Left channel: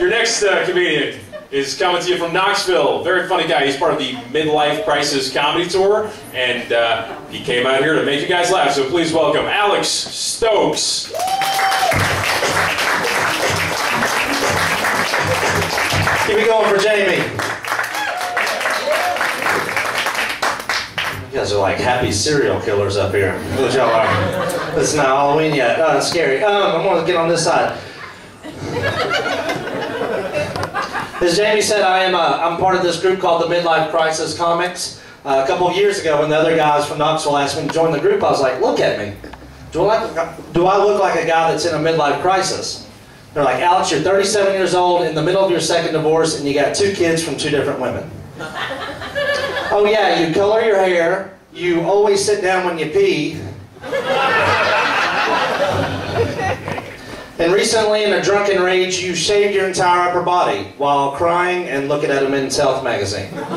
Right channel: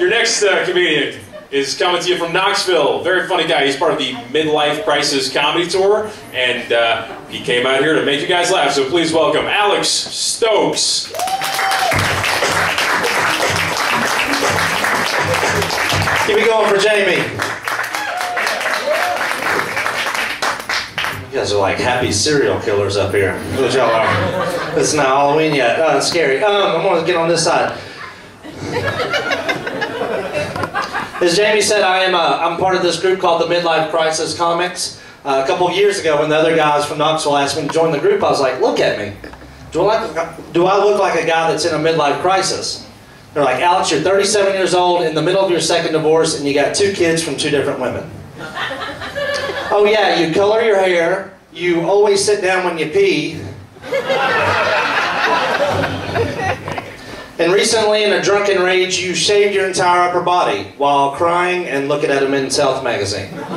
Your next comedian is coming to you from Knoxville. Very funny guy. He's part of the Midlife Crisis Comedy Tour, and he came out here to make you guys laugh. So please welcome Alex Stokes. Keep it going for Jamie. You guys are like happy serial killers up here. What y'all are. It's not Halloween yet. Oh, it's scary. I'm gonna get on this side. As Jamie said, I'm part of this group called the Midlife Crisis Comics. A couple of years ago, when the other guys from Knoxville asked me to join the group, I was like, look at me. Do I look like a guy that's in a midlife crisis? They're like, Alex, you're 37 years old, in the middle of your second divorce, and you got 2 kids from 2 different women. Oh yeah, you color your hair, you always sit down when you pee. And recently, in a drunken rage, you shaved your entire upper body while crying and looking at a Men's Health magazine. And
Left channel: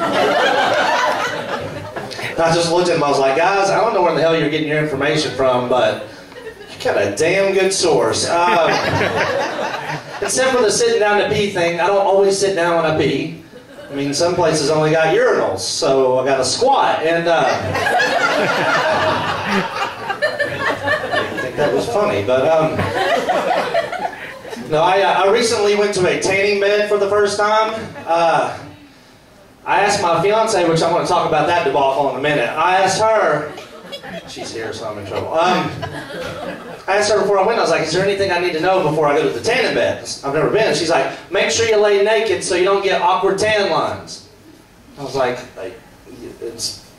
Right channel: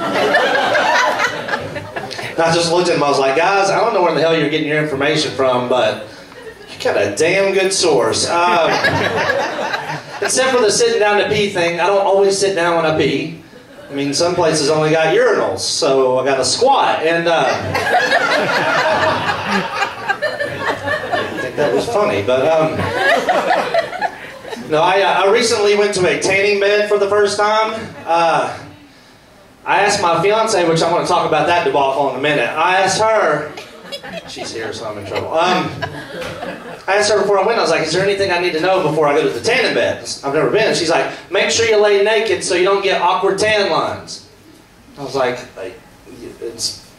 I just looked at him, I was like, guys, I don't know where the hell you're getting your information from, but you got a damn good source. Except for the sitting down to pee thing, I don't always sit down when I pee. I mean, some places only got urinals, so I got to squat, and I didn't think that was funny, but no, I recently went to a tanning bed for the first time. I asked my fiance, which I want to talk about that debacle in a minute. I asked her, she's here, so I'm in trouble. I asked her before I went, I was like, is there anything I need to know before I go to the tanning bed? I've never been. She's like, make sure you lay naked so you don't get awkward tan lines. I was like,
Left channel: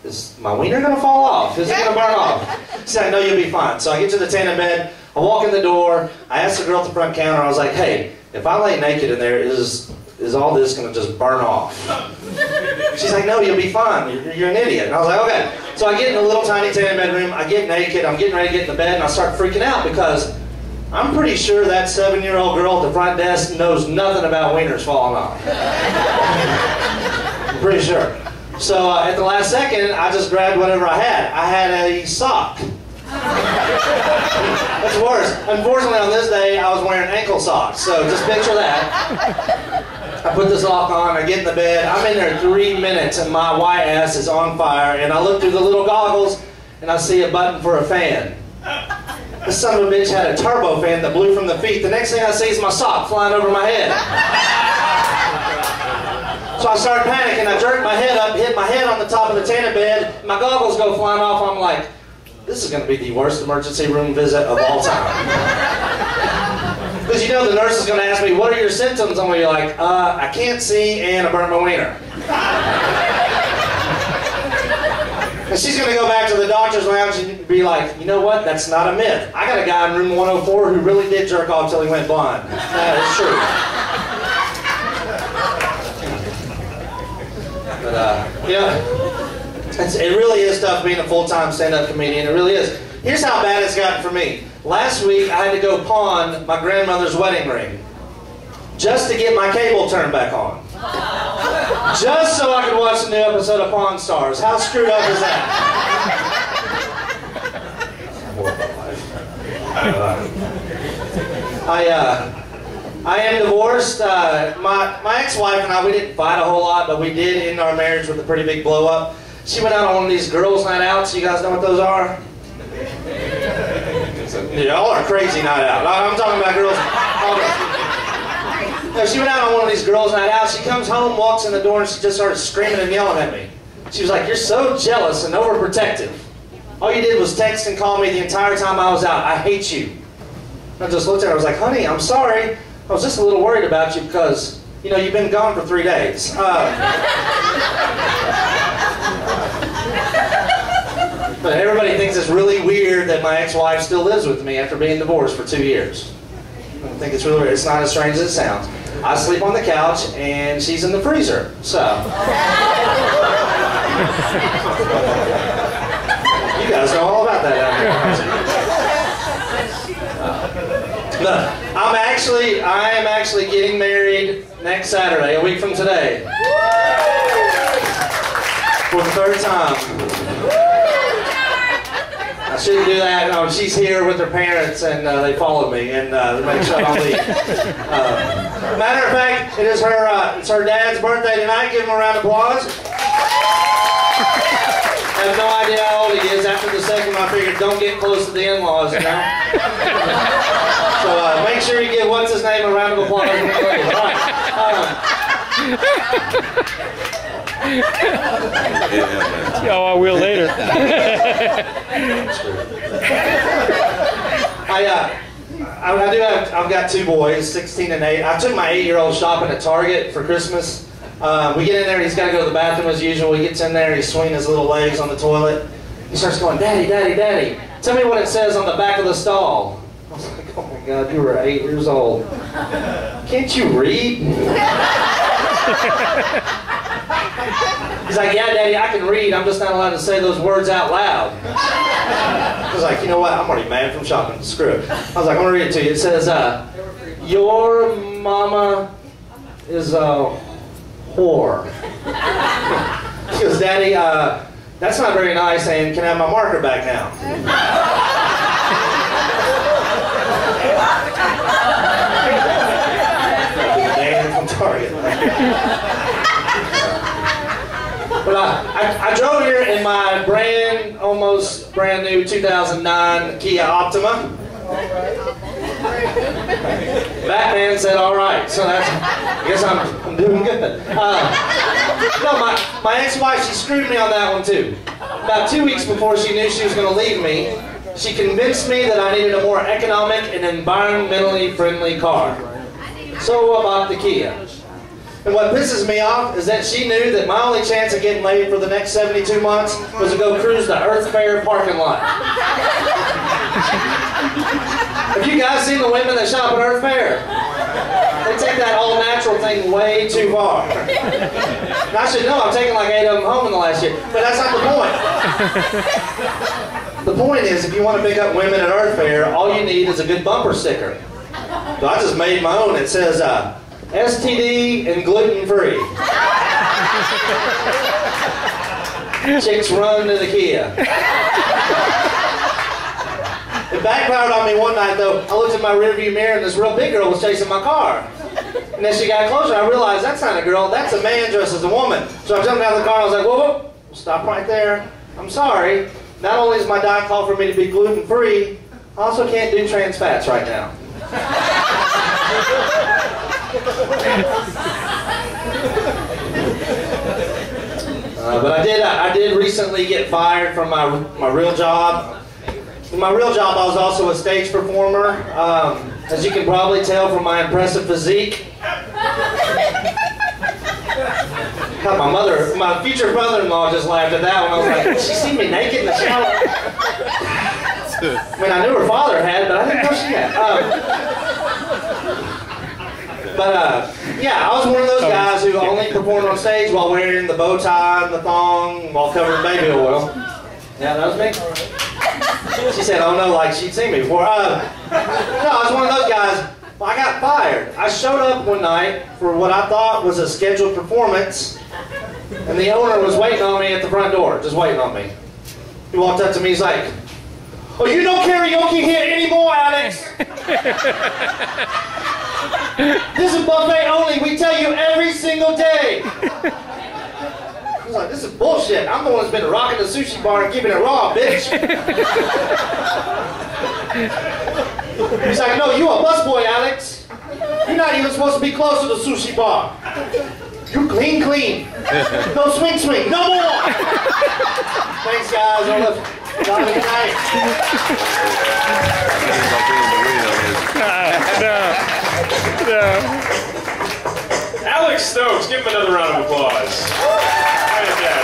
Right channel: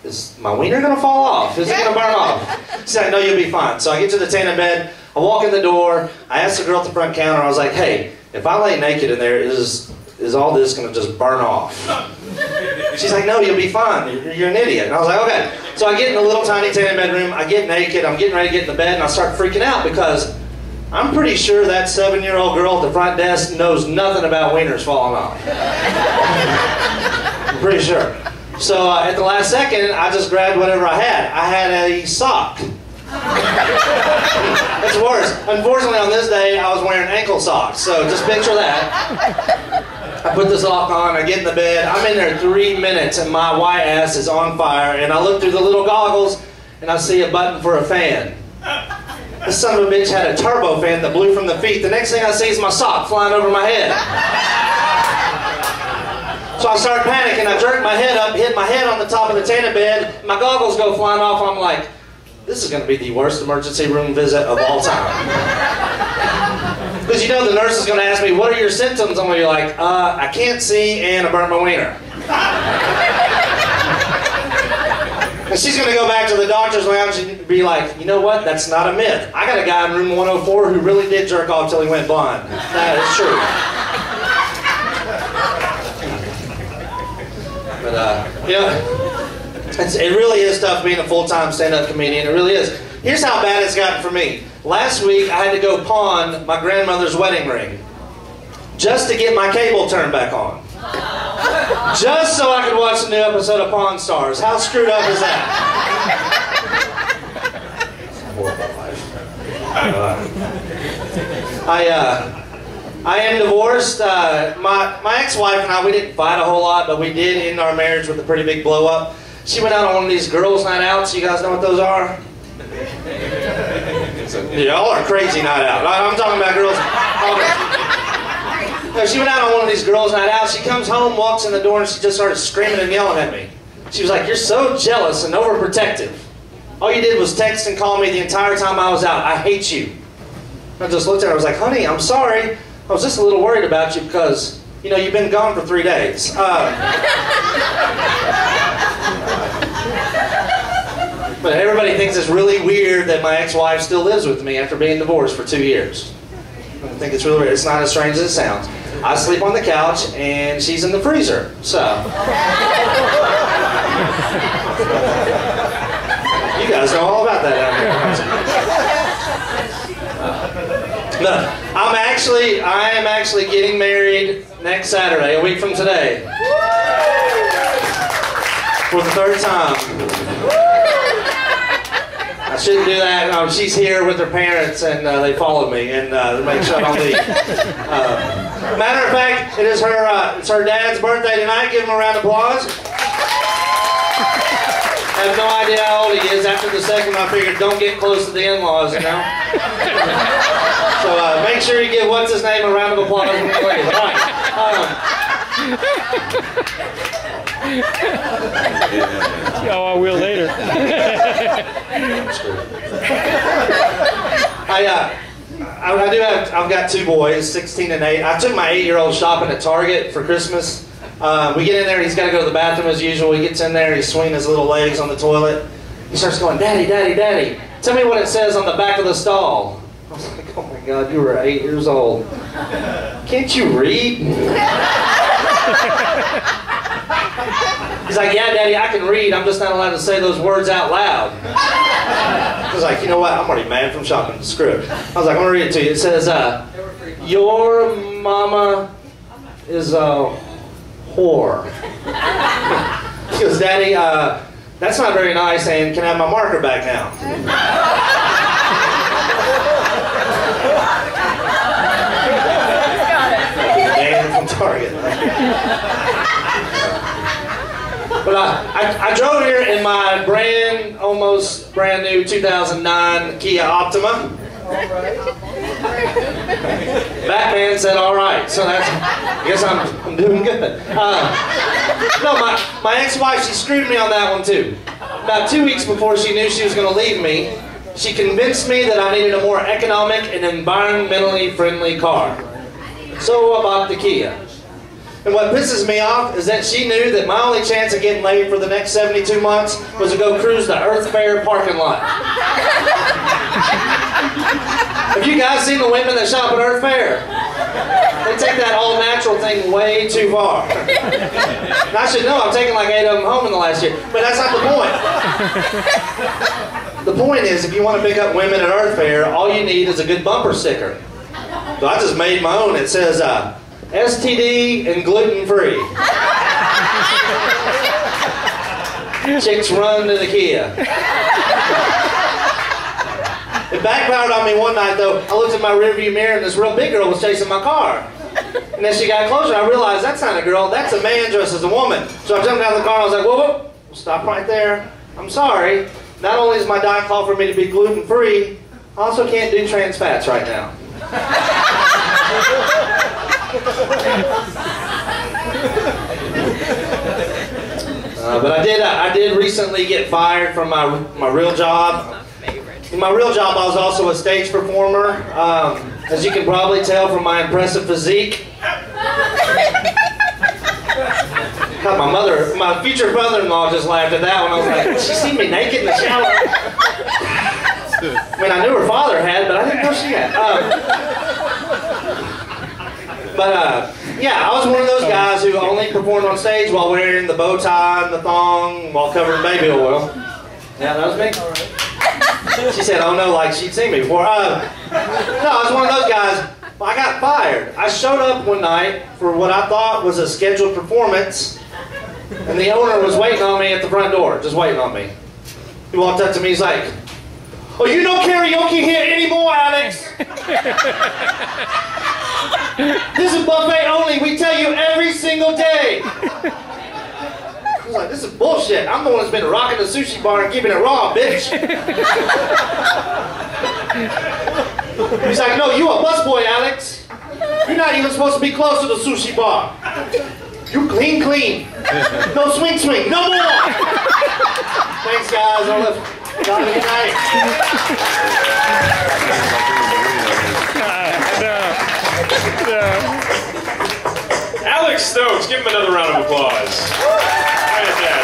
is my wiener going to fall off? Is it going to burn off? She's like, no, you'll be fine. So I get to the tanning bed, I walk in the door, I asked the girl at the front counter, I was like, hey, if I lay naked in there, is all this going to just burn off? She's like, no, you'll be fine. You're an idiot. And I was like, okay. So I get in the little tiny tanning bedroom, I get naked, I'm getting ready to get in the bed, and I start freaking out because I'm pretty sure that 7-year-old girl at the front desk knows nothing about wieners falling off. I'm pretty sure. So at the last second, I just grabbed whatever I had. I had a sock. That's worse. Unfortunately, on this day, I was wearing ankle socks, so just picture that. I put the sock on, I get in the bed, I'm in there 3 minutes, and my white ass is on fire, and I look through the little goggles, and I see a button for a fan. This son of a bitch had a turbo fan that blew from the feet. The next thing I see is my sock flying over my head. So I start panicking, I jerk my head up, hit my head on the top of the tanning bed, my goggles go flying off, I'm like, this is going to be the worst emergency room visit of all time. Because you know the nurse is going to ask me, what are your symptoms? I'm going to be like, I can't see and I burnt my wiener. And she's going to go back to the doctor's lounge and be like, you know what, that's not a myth. I got a guy in room 104 who really did jerk off till he went blind. That is true. But, yeah, it really is tough being a full-time stand-up comedian. It really is. Here's how bad it's gotten for me. Last week, I had to go pawn my grandmother's wedding ring just to get my cable turned back on. Just so I could watch a new episode of Pawn Stars. How screwed up is that? I am divorced. My ex-wife and I, we didn't fight a whole lot, but we did end our marriage with a pretty big blow-up. She went out on one of these girls' night outs. You guys know what those are? Y'all are crazy night out. I'm talking about girls. No, she went out on one of these girls' night out. She comes home, walks in the door, and she just started screaming and yelling at me. She was like, you're so jealous and overprotective. All you did was text and call me the entire time I was out. I hate you. I just looked at her. I was like, honey, I'm sorry. I was just a little worried about you because, you know, you've been gone for 3 days. But everybody thinks it's really weird that my ex-wife still lives with me after being divorced for 2 years. I think it's really weird. It's not as strange as it sounds. I sleep on the couch and she's in the freezer, so. You guys know all about that out here. No, I am actually getting married next Saturday, a week from today. For the 3rd time. I shouldn't do that. No, she's here with her parents, and they followed me and make sure I don't leave. Matter of fact, it's her dad's birthday tonight. Give him a round of applause. I have no idea how old he is. After the second one, I figured don't get close to the in-laws, you know? So make sure you give what's his name a round of applause. All right. Oh, I will later. I've got two boys, 16 and 8. I took my 8-year-old shopping at Target for Christmas. We get in there, he's got to go to the bathroom as usual. He gets in there, he's swinging his little legs on the toilet. He starts going, Daddy, Daddy, Daddy, tell me what it says on the back of the stall. I was like, oh my God, you were 8 years old. Can't you read? He's like, yeah, Daddy, I can read. I'm just not allowed to say those words out loud. I was like, you know what? I'm already mad from shopping. Screw it. I was like, I'm going to read it to you. It says, your mama is a whore. He goes, Daddy, that's not very nice, and can I have my marker back now? Man from Target. But I drove here in my almost brand new 2009 Kia Optima. Batman said, all right, so I guess I'm doing good. No, my ex-wife, she screwed me on that one too. About 2 weeks before she knew she was going to leave me, she convinced me that I needed a more economic and environmentally friendly car. So I bought the Kia. And what pisses me off is that she knew that my only chance of getting laid for the next 72 months was to go cruise the Earth Fair parking lot. Have you guys seen the women that shop at Earth Fair? They take that all-natural thing way too far. And I should know, I've taken like 8 of them home in the last year. But that's not the point. The point is, if you want to pick up women at Earth Fair, all you need is a good bumper sticker. So I just made my own. It says, STD and gluten-free. Chicks run to the Kia. It backfired on me one night though. I looked at my rearview mirror and this real big girl was chasing my car. And as she got closer, I realized that's not a girl, that's a man dressed as a woman. So I jumped out of the car and I was like, whoa, whoa, stop right there. I'm sorry. Not only is my diet call for me to be gluten-free, I also can't do trans fats right now. But I did recently get fired from my real job. In my real job, I was also a stage performer. As you can probably tell from my impressive physique. God, my future mother-in-law just laughed at that one. I was like, she seen me naked in the shower? I mean, I knew her father had, but I didn't know she had. Yeah, I was one of those guys who only performed on stage while wearing the bow tie and the thong while covered in baby oil. Yeah, that was me. She said, oh no, like she'd seen me before. No, I was one of those guys. Well, I got fired. I showed up one night for what I thought was a scheduled performance, and the owner was waiting on me at the front door, just waiting on me. He walked up to me, he's like, oh, you don't karaoke here anymore, Alex. This is buffet only. We tell you every single day. I was like, this is bullshit. I'm the one that's been rocking the sushi bar and keeping it raw, bitch. He's like, no, you a busboy, Alex. You're not even supposed to be close to the sushi bar. You clean. No swing. No more. Thanks, guys. Have a good night. Alex Stokes, give him another round of applause. Fantastic.